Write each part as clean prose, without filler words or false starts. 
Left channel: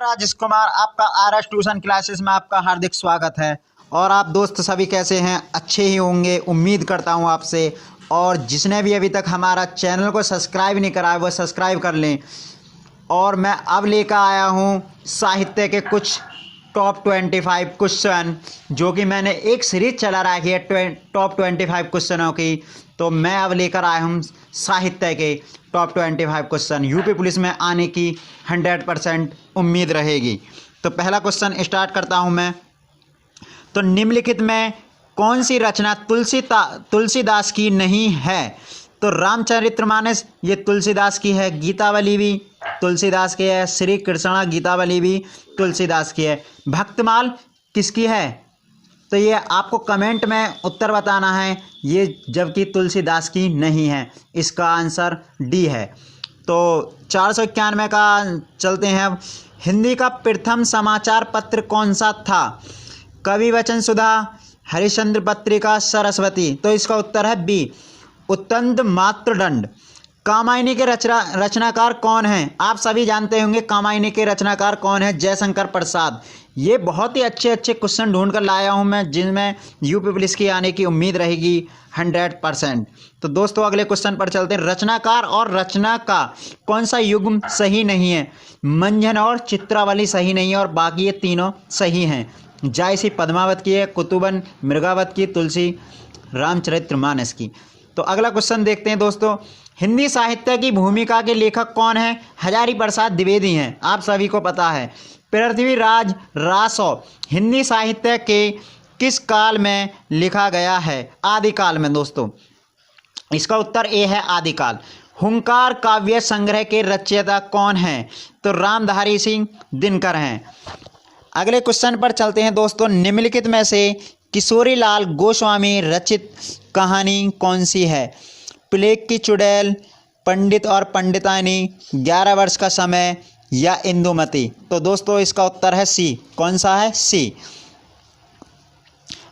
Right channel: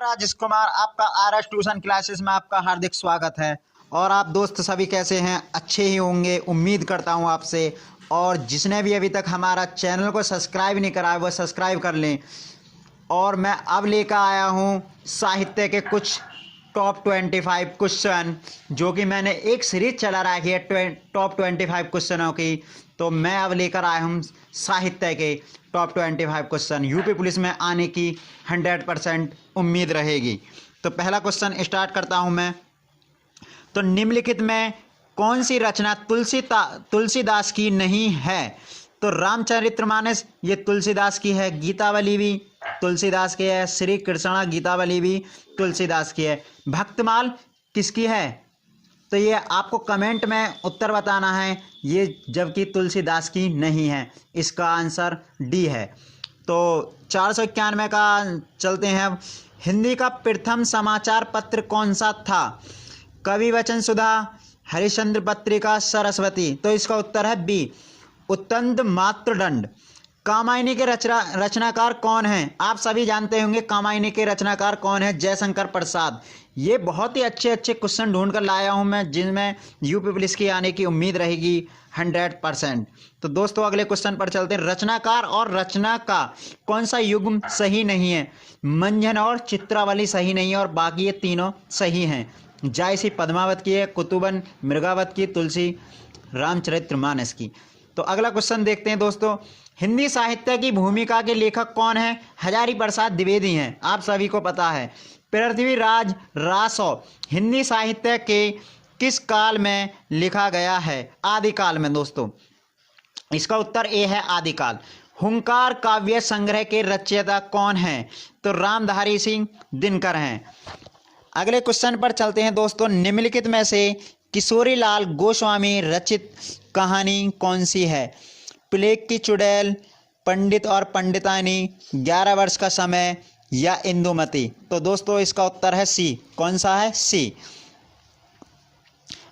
राजेश कुमार, आपका RS tuition classes में आपका हार्दिक स्वागत है। और आप दोस्त सभी कैसे हैं? अच्छे ही होंगे, उम्मीद करता हूं आपसे। और जिसने भी अभी तक हमारा चैनल को सब्सक्राइब नहीं करा है वो सब्सक्राइब कर लें। और मैं अब लेकर आया हूं साहित्य के कुछ टॉप 25 क्वेश्चन, जो कि मैंने एक सीरीज चला रखी है टॉप 25 क्वेश्चनों की। तो मैं अब लेकर आया हूँ साहित्य के टॉप 25 क्वेश्चन। यूपी पुलिस में आने की 100% उम्मीद रहेगी। तो पहला क्वेश्चन स्टार्ट करता हूँ मैं। तो निम्नलिखित में कौन सी रचना तुलसीदास की नहीं है? तो रामचरितमानस ये तुलसीदास की है, गीतावली भी तुलसीदास की है, श्री कृष्णा गीतावली भी तुलसीदास की है। भक्तमाल किसकी है? तो ये आपको कमेंट में उत्तर बताना है, ये जबकि तुलसीदास की नहीं है। इसका आंसर डी है। तो 491 का चलते हैं अब। हिंदी का प्रथम समाचार पत्र कौन सा था? कवि वचन सुधा, हरिश्चंद्र पत्रिका, सरस्वती। तो इसका उत्तर है बी, उत्तंद मातृदंड। कामायनी के रचनाकार कौन हैं? आप सभी जानते होंगे कामायनी के रचनाकार कौन है? जयशंकर प्रसाद। ये बहुत ही अच्छे अच्छे क्वेश्चन ढूंढ कर लाया हूं मैं, जिनमें यूपी पुलिस की आने की उम्मीद रहेगी 100%। तो दोस्तों अगले क्वेश्चन पर चलते हैं। रचनाकार और रचना का कौन सा युग्म सही नहीं है? मंझन और चित्रावली सही नहीं है, और बाकी ये तीनों सही हैं। जायसी पद्मावत की है, कुतुबन मृगावत की, तुलसी रामचरितमानस की। तो अगला क्वेश्चन देखते हैं दोस्तों। हिंदी साहित्य की भूमिका के लेखक कौन है? हजारी प्रसाद द्विवेदी हैं, आप सभी को पता है। पृथ्वीराज रासो हिंदी साहित्य के किस काल में लिखा गया है? आदिकाल में दोस्तों। इसका उत्तर ए है, आदिकाल। हुंकार काव्य संग्रह के रचयिता कौन हैं? तो रामधारी सिंह दिनकर हैं। अगले क्वेश्चन पर चलते हैं दोस्तों। निम्नलिखित में से किशोरीलाल गोस्वामी रचित कहानी कौन सी है? प्लेग की चुड़ैल, पंडित और पंडितानी, 11 वर्ष का समय, या इंदुमती। तो दोस्तों इसका उत्तर है सी। कौन सा है? सी।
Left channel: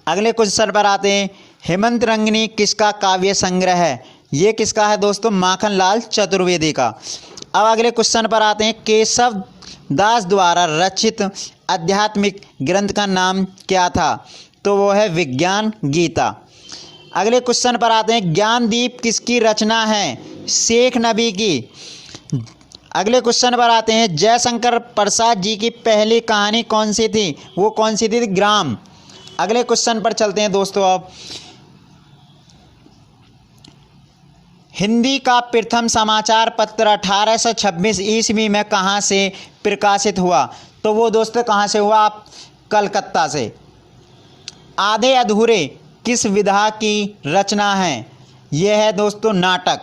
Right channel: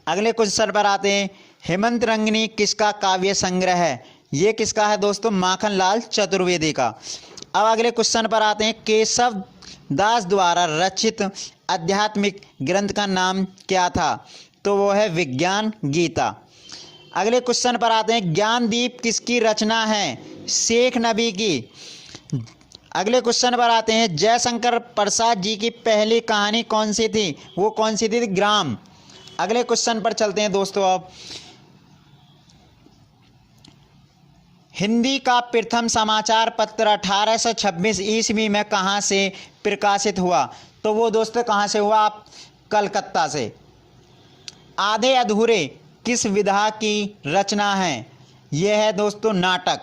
अगले क्वेश्चन पर आते हैं। हेमंत रंगिनी किसका काव्य संग्रह है? ये किसका है दोस्तों? माखनलाल चतुर्वेदी का। अब अगले क्वेश्चन पर आते हैं। केशव दास द्वारा रचित आध्यात्मिक ग्रंथ का नाम क्या था? तो वो है विज्ञान गीता। अगले क्वेश्चन पर आते हैं। ज्ञानदीप किसकी रचना है? शेख नबी की। अगले क्वेश्चन पर आते हैं। जयशंकर प्रसाद जी की पहली कहानी कौन सी थी? वो कौन सी थी? ग्राम। अगले क्वेश्चन पर चलते हैं दोस्तों। अब हिंदी का प्रथम समाचार पत्र 1826 ईस्वी में कहाँ से प्रकाशित हुआ? तो वो दोस्तों कहाँ से हुआ? आप कलकत्ता से। आधे अधूरे किस विधा की रचना है? यह है दोस्तों नाटक।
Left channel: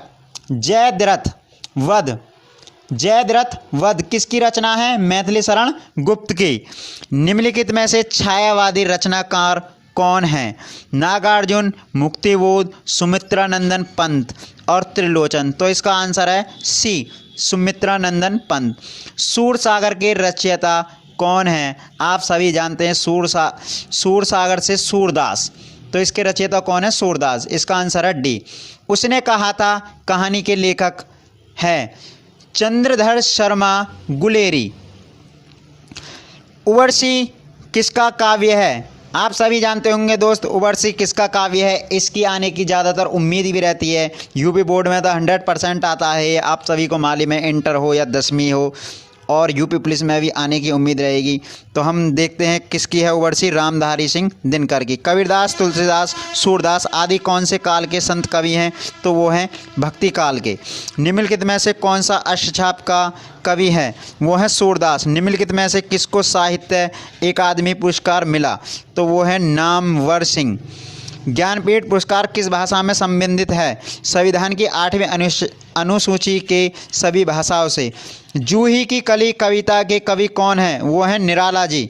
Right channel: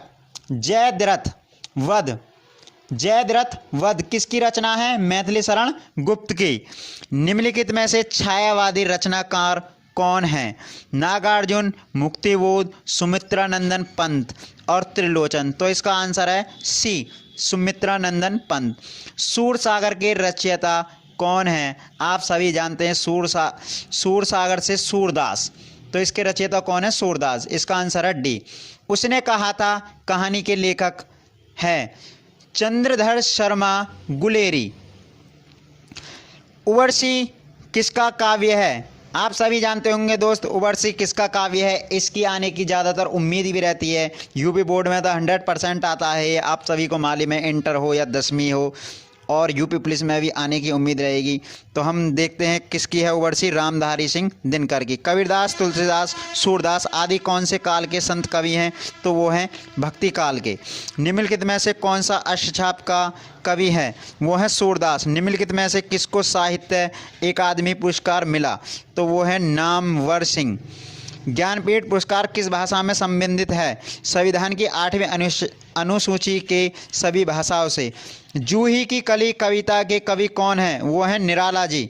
जयद्रथ वध किसकी रचना है? मैथिली शरण गुप्त की। निम्नलिखित में से छायावादी रचनाकार कौन है? नागार्जुन, मुक्तिबोध, सुमित्रानंदन पंत और त्रिलोचन। तो इसका आंसर है सी, सुमित्रानंदन पंत। सूरसागर के रचयिता कौन है? आप सभी जानते हैं सूरसागर से सूरदास। तो इसके रचयिता कौन है? सूरदास। इसका आंसर है डी। उसने कहा था कहानी के लेखक है चंद्रधर शर्मा गुलेरी। उर्वशी किसका काव्य है? आप सभी जानते होंगे दोस्त उर्वशी किसका काव्य है। इसकी आने की ज़्यादातर उम्मीद भी रहती है। यूपी बोर्ड में तो 100% आता है, आप सभी को मालूम है, इंटर हो या 10वीं हो। और यूपी पुलिस में भी आने की उम्मीद रहेगी। तो हम देखते हैं किसकी है उर्वशी। रामधारी सिंह दिनकर की। कबीरदास, तुलसीदास, सूरदास आदि कौन से काल के संत कवि हैं? तो वो हैं भक्ति काल के। निम्नलिखित में से कौन सा अष्टछाप का कवि है? वो है सूरदास। निम्नलिखित में से किसको साहित्य अकादमी पुरस्कार मिला? तो वो है नामवर सिंह। ज्ञानपीठ पुरस्कार किस भाषा में संबंधित है? संविधान की 8वीं अनुसूची के सभी भाषाओं से। जूही की कली कविता के कवि कौन है? वो है निराला जी।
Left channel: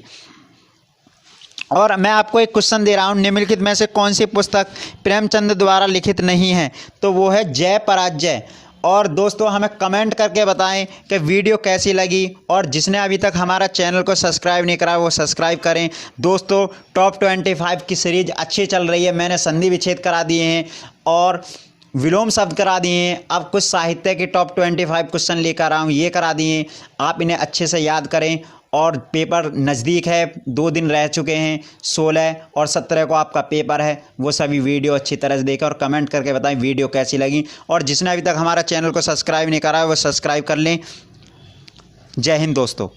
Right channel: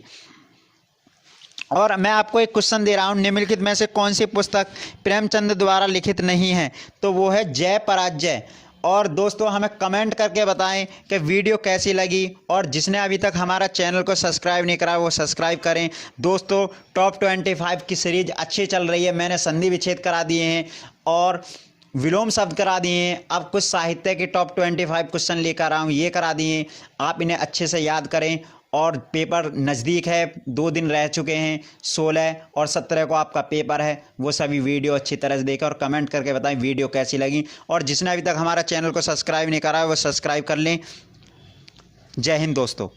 और मैं आपको एक क्वेश्चन दे रहा हूँ। निम्नलिखित में से कौन सी पुस्तक प्रेमचंद द्वारा लिखित नहीं है? तो वो है जय पराजय। और दोस्तों हमें कमेंट करके बताएं कि वीडियो कैसी लगी। और जिसने अभी तक हमारा चैनल को सब्सक्राइब नहीं करा वो सब्सक्राइब करें। दोस्तों टॉप 25 की सीरीज अच्छी चल रही है। मैंने संधि विच्छेद करा दिए हैं और विलोम शब्द करा दिए हैं। अब कुछ साहित्य के टॉप 25 क्वेश्चन लेकर आऊँ, ये करा दिए। आप इन्हें अच्छे से याद करें और पेपर नज़दीक है, 2 दिन रह चुके हैं, 16 और 17 को आपका पेपर है। वो सभी वीडियो अच्छी तरह से देखें और कमेंट करके बताएं वीडियो कैसी लगी। और जिसने अभी तक हमारा चैनल को सब्सक्राइब नहीं करा है वो सब्सक्राइब कर लें। जय हिंद दोस्तों।